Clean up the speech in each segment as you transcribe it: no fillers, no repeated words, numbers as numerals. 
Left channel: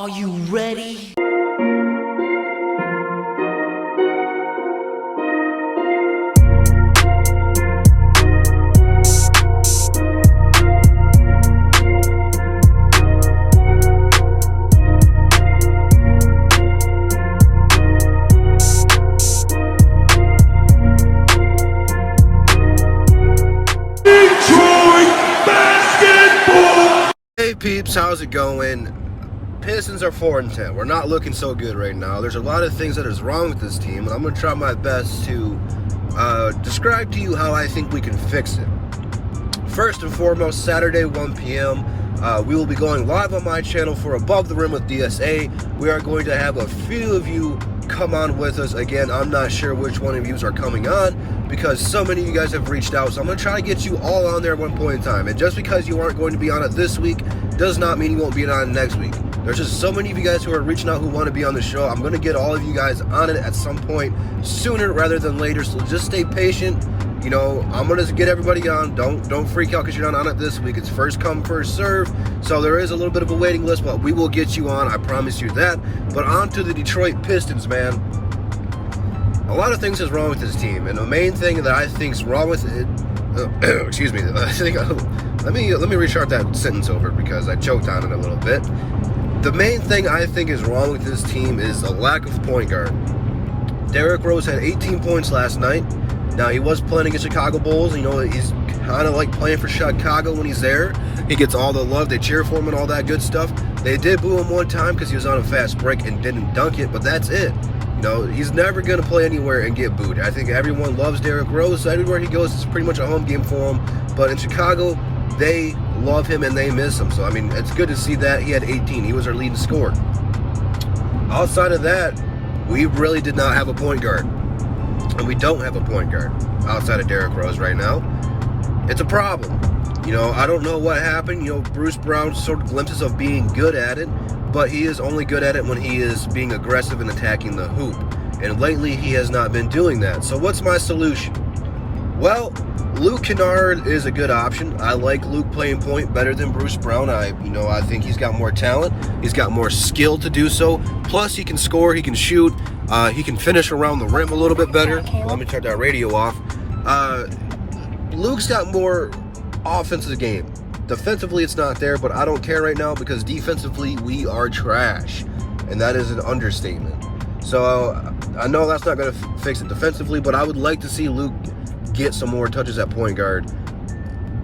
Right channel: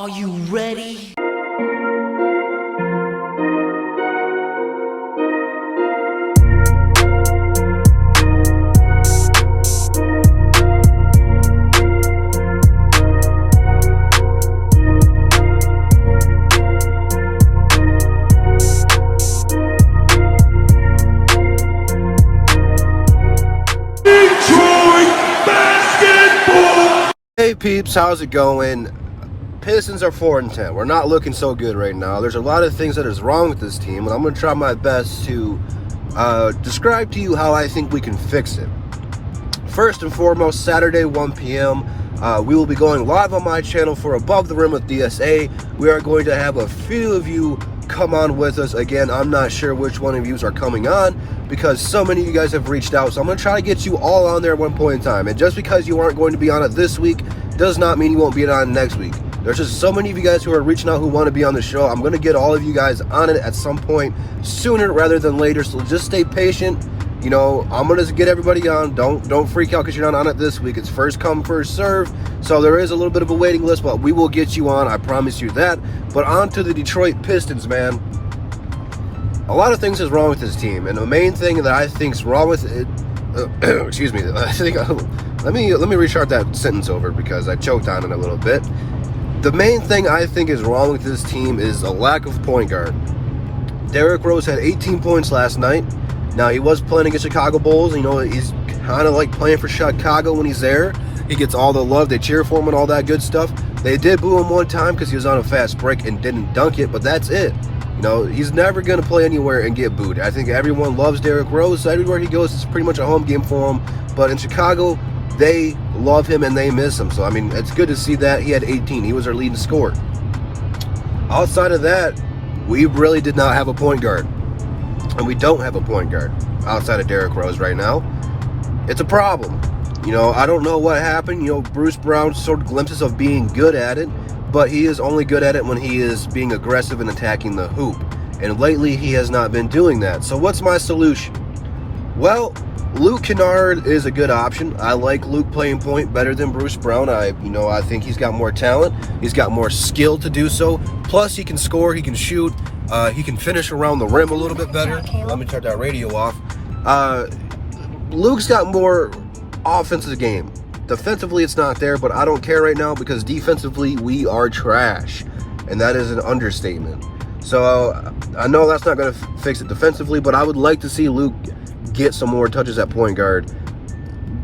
Are you ready? Hey peeps, how's it going? Pistons are 4-10. We're not looking so good right now. There's a lot of things that is wrong with this team, and I'm going to try my best to describe to you how I think we can fix it. First and foremost, Saturday, 1 p.m., we will be going live on my channel for Above the Rim with DSA. We are going to have a few of you come on with us. Again, I'm not sure which one of you are coming on because so many of you guys have reached out. So I'm going to try to get you all on there at one point in time. And just because you aren't going to be on it this week does not mean you won't be on next week. There's just so many of you guys who are reaching out who want to be on the show. I'm going to get all of you guys on it at some point sooner rather than later. So just stay patient. You know, I'm going to get everybody on. Don't freak out because you're not on it this week. It's first come, first serve. So there is a little bit of a waiting list, but we will get you on. I promise you that. But on to the Detroit Pistons, man. A lot of things is wrong with this team. And the main thing that I think is wrong with it, excuse me, I think, let me restart that sentence over because I choked on it a little bit. The main thing I think is wrong with this team is a lack of point guard. Derrick Rose had 18 points last night. Now, he was playing against Chicago Bulls. You know, he's kind of like playing for Chicago when he's there. He gets all the love. They cheer for him and all that good stuff. They did boo him one time because he was on a fast break and didn't dunk it, but that's it. You know, he's never going to play anywhere and get booed. I think everyone loves Derrick Rose. Everywhere he goes, it's pretty much a home game for him. But in Chicago, they love him and they miss him. So, I mean, it's good to see that. He had 18. He was our leading scorer. Outside of that, we really did not have a point guard. And we don't have a point guard outside of Derrick Rose right now. It's a problem. You know, I don't know what happened. You know, Bruce Brown showed glimpses of being good at it, but he is only good at it when he is being aggressive and attacking the hoop. And lately, he has not been doing that. So what's my solution? Well, Luke Kennard is a good option. I like Luke playing point better than Bruce Brown. I think he's got more talent. He's got more skill to do so. Plus, he can score. He can shoot. He can finish around the rim a little bit better. Let me turn that radio off. Luke's got more offensive game. Defensively, it's not there, but I don't care right now because defensively, we are trash. And that is an understatement. So, I know that's not going to fix it defensively, but I would like to see Luke get some more touches at point guard.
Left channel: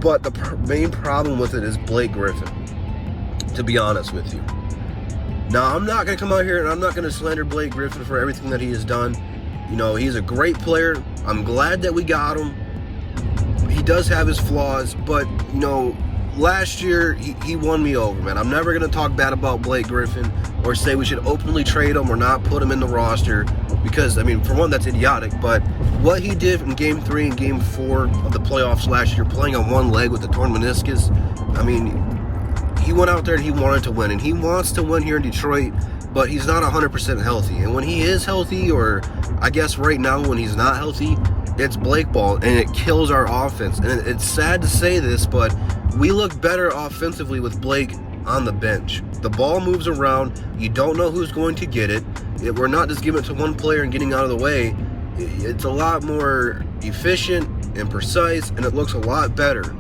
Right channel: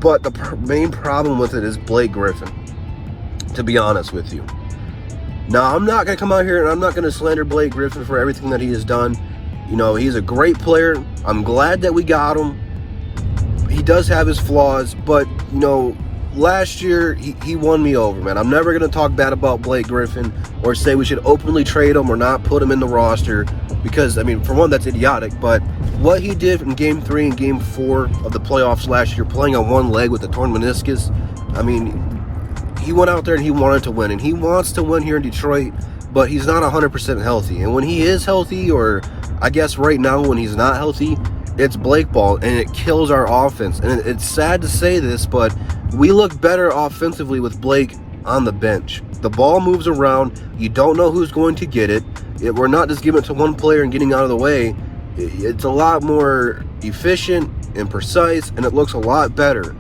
But the main problem with it is Blake Griffin, to be honest with you. Now, I'm not going to come out here and I'm not going to slander Blake Griffin for everything that he has done. You know, he's a great player. I'm glad that we got him. He does have his flaws, but, you know, last year he won me over, man. I'm never going to talk bad about Blake Griffin or say we should openly trade him or not put him in the roster because, I mean, for one, that's idiotic. But what he did in Game 3 and Game 4 of the playoffs last year, playing on one leg with a torn meniscus, I mean, he went out there and he wanted to win, and he wants to win here in Detroit, but he's not 100% healthy. And when he is healthy, or I guess right now when he's not healthy, it's Blake ball, and it kills our offense. And it's sad to say this, but we look better offensively with Blake on the bench. The ball moves around. You don't know who's going to get it. We're not just giving it to one player and getting out of the way. It's a lot more efficient and precise, and it looks a lot better.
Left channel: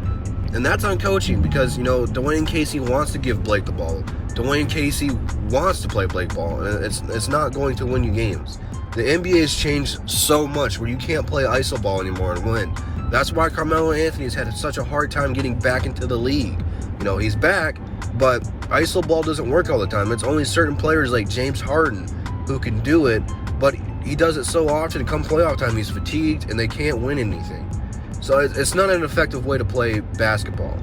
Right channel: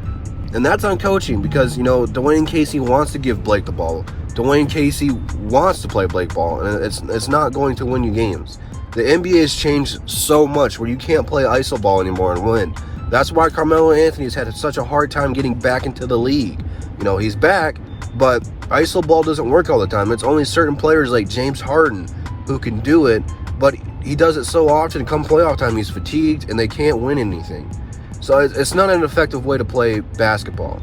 And that's on coaching because, you know, Dwayne Casey wants to give Blake the ball. Dwayne Casey wants to play Blake ball, and it's not going to win you games. The NBA has changed so much where you can't play iso ball anymore and win. That's why Carmelo Anthony has had such a hard time getting back into the league. You know, he's back, but iso ball doesn't work all the time. It's only certain players like James Harden who can do it, but he does it so often, come playoff time, he's fatigued, and they can't win anything. So it's not an effective way to play basketball.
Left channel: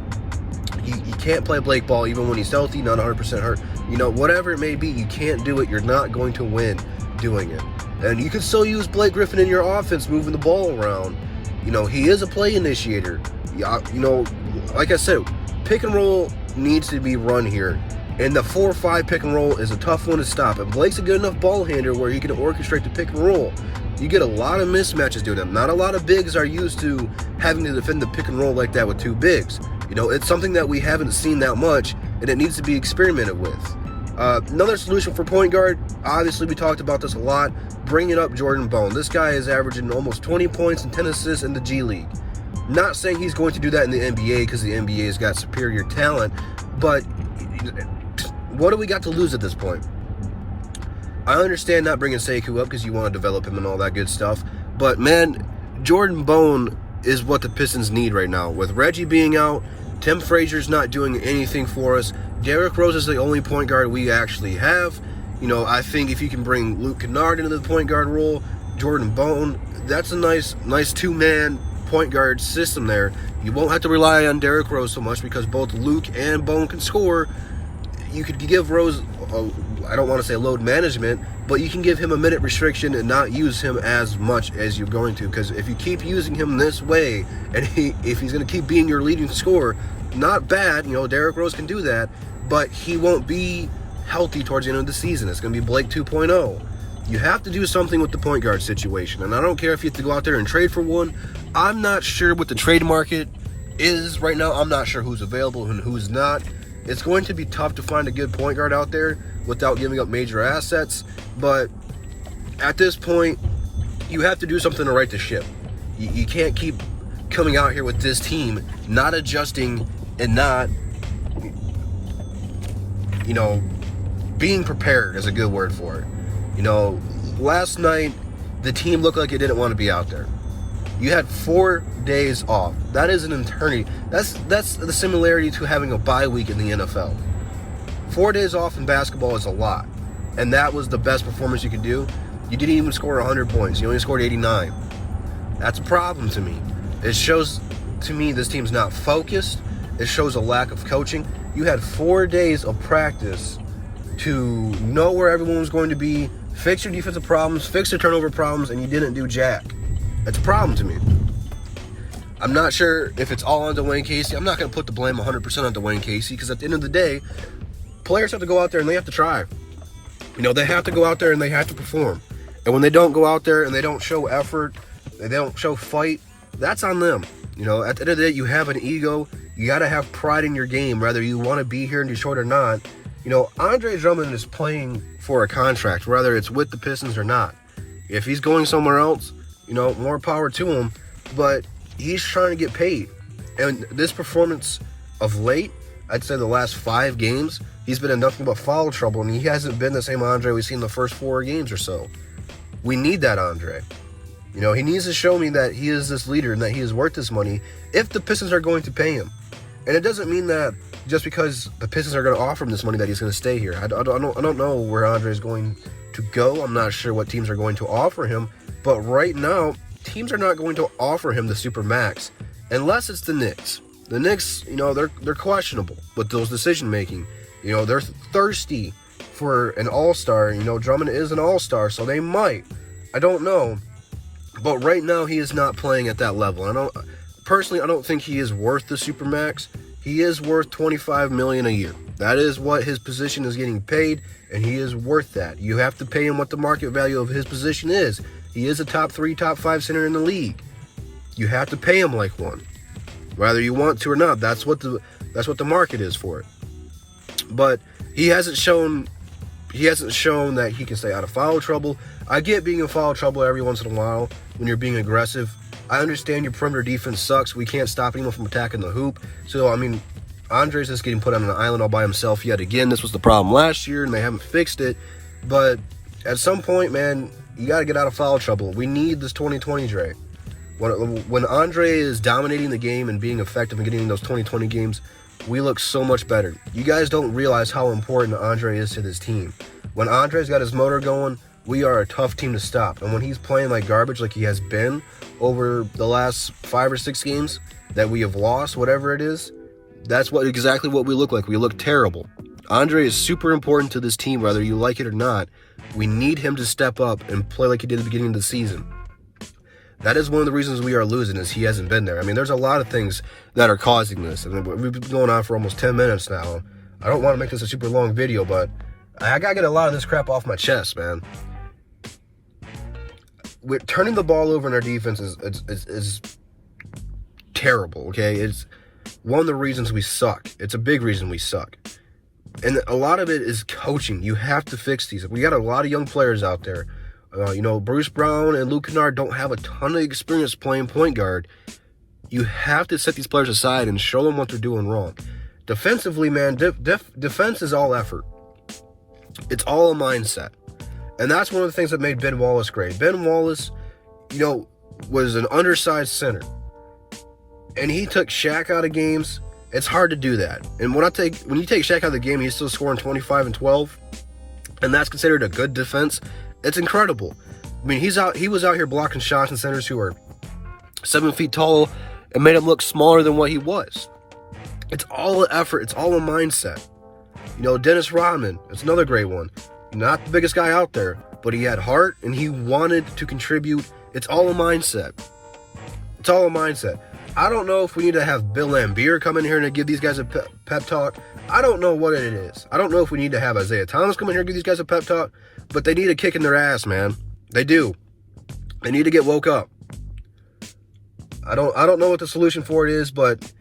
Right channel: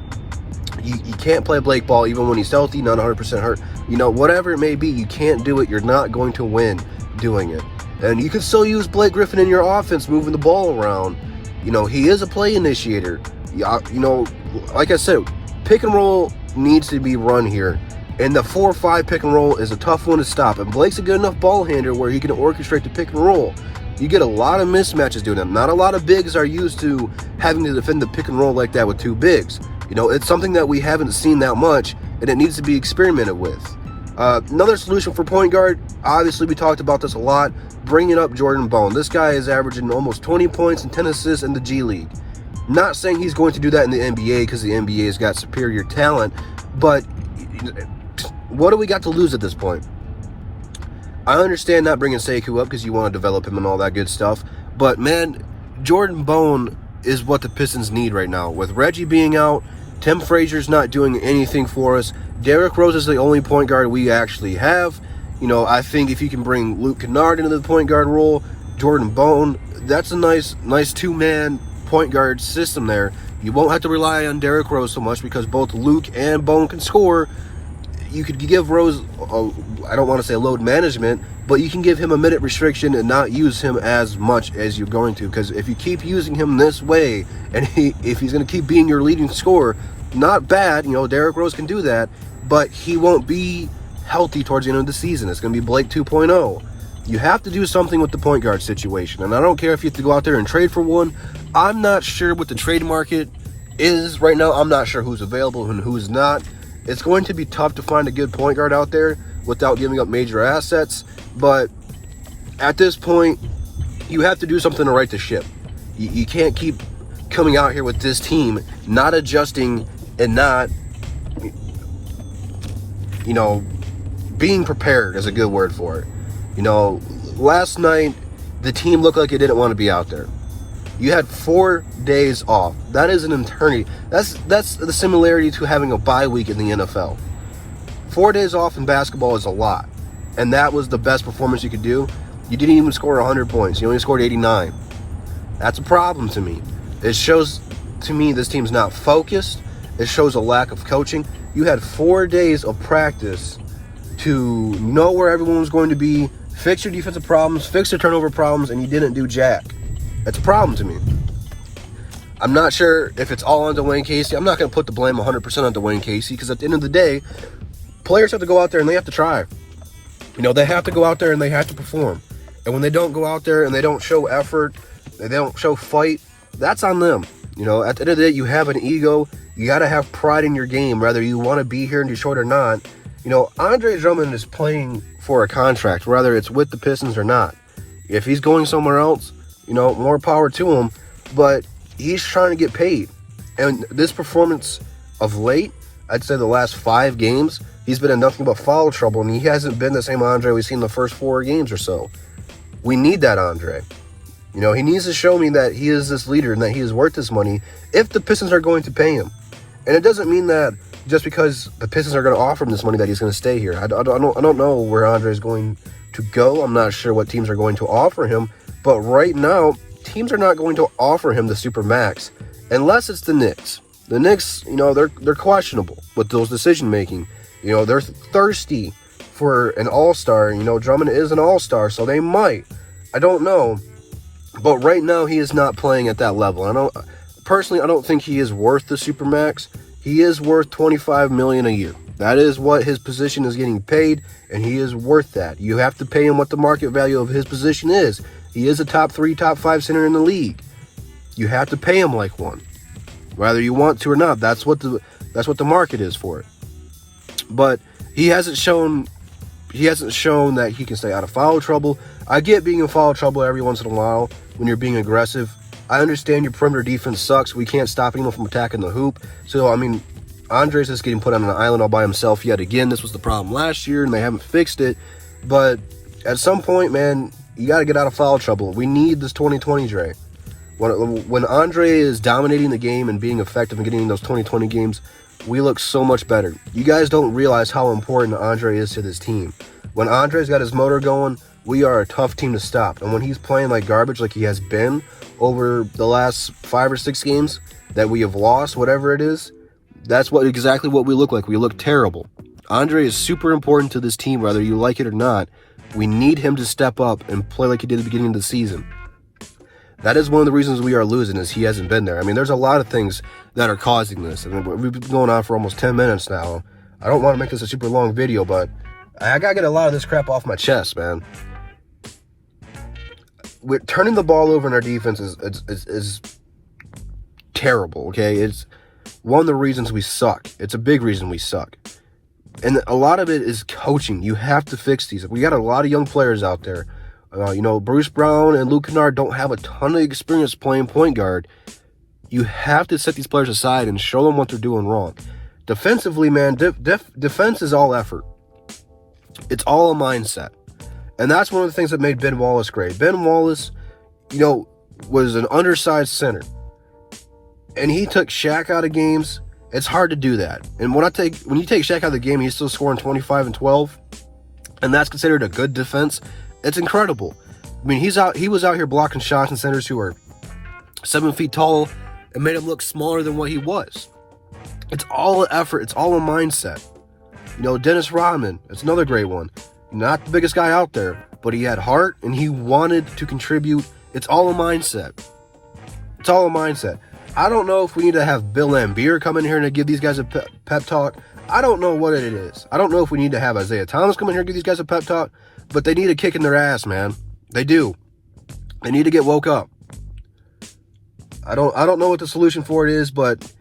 You can't play Blake ball even when he's healthy, not 100% hurt. You know, whatever it may be, you can't do it. You're not going to win doing it. And you can still use Blake Griffin in your offense, moving the ball around. You know, he is a play initiator. You know, like I said, pick and roll needs to be run here. And the 4-5 pick and roll is a tough one to stop. And Blake's a good enough ball handler where he can orchestrate the pick and roll. You get a lot of mismatches doing that. Not a lot of bigs are used to having to defend the pick and roll like that with two bigs. You know, it's something that we haven't seen that much, and it needs to be experimented with. Another solution for point guard, obviously we talked about this a lot, bringing up Jordan Bone. This guy is averaging almost 20 points and 10 assists in the G League. Not saying he's going to do that in the NBA because the NBA has got superior talent, but what do we got to lose at this point? I understand not bringing Sekou up because you want to develop him and all that good stuff, but man, Jordan Bone is what the Pistons need right now. With Reggie being out, Tim Frazier's not doing anything for us. Derrick Rose is the only point guard we actually have. You know, I think if you can bring Luke Kennard into the point guard role, Jordan Bone, that's a nice two-man point guard system there. You won't have to rely on Derrick Rose so much because both Luke and Bone can score. You could give Rose, I don't want to say load management, but you can give him a minute restriction and not use him as much as you're going to. Because if you keep using him this way, and if he's going to keep being your leading scorer, not bad, you know, Derrick Rose can do that, but he won't be healthy towards the end of the season. It's going to be Blake 2.0. You have to do something with the point guard situation, and I don't care if you have to go out there and trade for one. I'm not sure what the trade market is right now. I'm not sure who's available and who's not. It's going to be tough to find a good point guard out there without giving up major assets, but at this point, you have to do something to right the ship. You can't keep coming out here with this team, not adjusting and not, you know, being prepared is a good word for it. You know, last night, the team looked like it didn't want to be out there. You had 4 days off. That is an eternity. That's the similarity to having a bye week in the NFL. 4 days off in basketball is a lot. And that was the best performance you could do. You didn't even score 100 points. You only scored 89. That's a problem to me. It shows to me this team's not focused. It shows a lack of coaching. You had 4 days of practice to know where everyone was going to be, fix your defensive problems, fix your turnover problems, and you didn't do jack. That's a problem to me. I'm not sure if it's all on Dwayne Casey. I'm not going to put the blame 100% on Dwayne Casey because at the end of the day, players have to go out there and they have to try. You know, they have to go out there and they have to perform. And when they don't go out there and they don't show effort, they don't show fight, that's on them. You know, at the end of the day, you have an ego. You got to have pride in your game, whether you want to be here in Detroit or not. You know, Andre Drummond is playing for a contract, whether it's with the Pistons or not. If he's going somewhere else, you know, more power to him, but he's trying to get paid. And this performance of late, I'd say the last 5 games, he's been in nothing but foul trouble, and he hasn't been the same Andre we've seen the first 4 games or so. We need that Andre. You know, he needs to show me that he is this leader and that he is worth this money if the Pistons are going to pay him. And it doesn't mean that just because the Pistons are going to offer him this money that he's going to stay here. I don't know where Andre is going to go. I'm not sure what teams are going to offer him. But right now, teams are not going to offer him the super max unless it's the Knicks. The Knicks, you know, they're questionable with those decision making. You know, they're thirsty for an all-star. You know, Drummond is an all-star, so they might. I don't know. But right now, he is not playing at that level. I don't think he is worth the super max. He is worth $25 million a year. That is what his position is getting paid, and he is worth that. You have to pay him what the market value of his position is. He is a top 3, top 5 center in the league. You have to pay him like one, whether you want to or not. That's what the market is for it. But he hasn't shown that he can stay out of foul trouble. I get being in foul trouble every once in a while when you're being aggressive. I understand your perimeter defense sucks. We can't stop anyone from attacking the hoop. So, I mean, Andre's just getting put on an island all by himself yet again. This was the problem last year, and they haven't fixed it. But at some point, man, you got to get out of foul trouble. We need this 2020 Dre. When Andre is dominating the game and being effective and getting in those 2020 games, we look so much better. You guys don't realize how important Andre is to this team. When Andre's got his motor going, we are a tough team to stop. And when he's playing like garbage like he has been over the last 5 or 6 games that we have lost, whatever it is, that's exactly what we look like. We look terrible. Andre is super important to this team, whether you like it or not. We need him to step up and play like he did at the beginning of the season. That is one of the reasons we are losing is he hasn't been there. I mean, there's a lot of things that are causing this. I mean, we've been going on for almost 10 minutes now. I don't want to make this a super long video, but I got to get a lot of this crap off my chest, man. We're turning the ball over in our defense is terrible, okay? It's one of the reasons we suck. It's a big reason we suck. And a lot of it is coaching. You have to fix these. We got a lot of young players out there. Bruce Brown and Luke Kennard don't have a ton of experience playing point guard. You have to set these players aside and show them what they're doing wrong. Defensively, man, defense is all effort. It's all a mindset. And that's one of the things that made Ben Wallace great. Ben Wallace, was an undersized center. And he took Shaq out of games. It's hard to do that. And when you take Shaq out of the game, he's still scoring 25 and 12. And that's considered a good defense. It's incredible. I mean, he was out here blocking shots and centers who are 7 feet tall and made him look smaller than what he was. It's all an effort. It's all a mindset. Dennis Rodman, that's another great one. Not the biggest guy out there, but he had heart and he wanted to contribute. It's all a mindset. It's all a mindset. I don't know if we need to have Bill Laimbeer come in here and give these guys a pep talk. I don't know what it is. I don't know if we need to have Isaiah Thomas come in here and give these guys a pep talk, but they need a kick in their ass, man. They do. They need to get woke up. I don't know what the solution for it is, but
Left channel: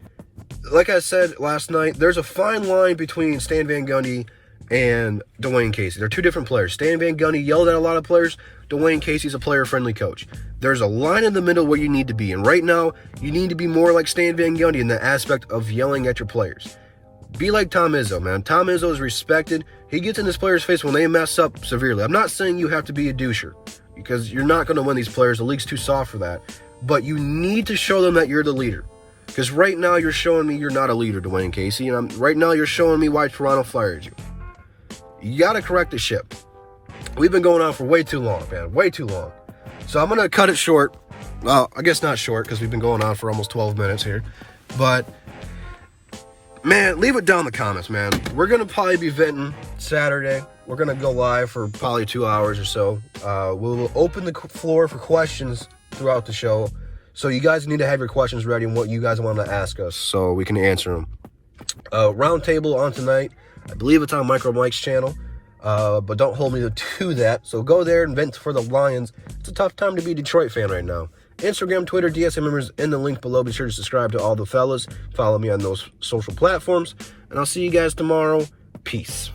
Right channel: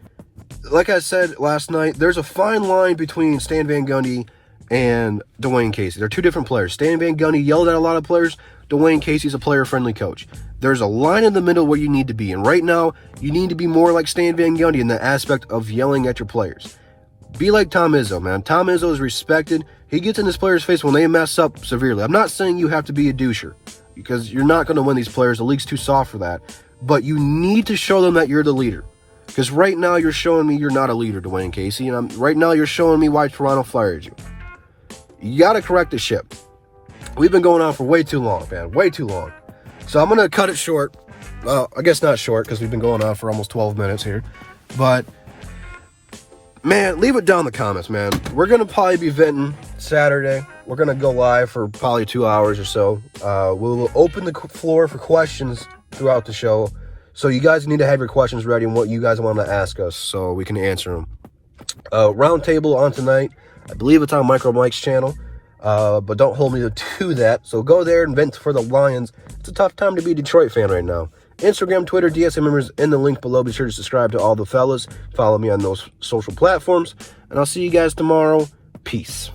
like I said last night, there's a fine line between Stan Van Gundy and Dwayne Casey. They're two different players. Stan Van Gundy yelled at a lot of players. Dwayne Casey's a player-friendly coach. There's a line in the middle where you need to be. And right now, you need to be more like Stan Van Gundy in the aspect of yelling at your players. Be like Tom Izzo, man. Tom Izzo is respected. He gets in his players' face when they mess up severely. I'm not saying you have to be a doucher, because you're not going to win these players. The league's too soft for that. But you need to show them that you're the leader. Because right now, you're showing me you're not a leader, Dwayne Casey. And right now, you're showing me why Toronto fires you. You got to correct the ship. We've been going on for way too long, man. Way too long. So I'm going to cut it short. Well, I guess not short, because we've been going on for almost 12 minutes here. But, man, leave it down in the comments, man. We're going to probably be venting Saturday. We're going to go live for probably 2 hours or so. We'll open the floor for questions throughout the show. So you guys need to have your questions ready and what you guys want to ask us so we can answer them. Roundtable on tonight. I believe it's on Micro Mike's channel. But don't hold me to that. So go there and vent for the Lions. It's a tough time to be a Detroit fan right now. Instagram, Twitter, DSM members in the link below. Be sure to subscribe to all the fellas. Follow me on those social platforms. And I'll see you guys tomorrow. Peace.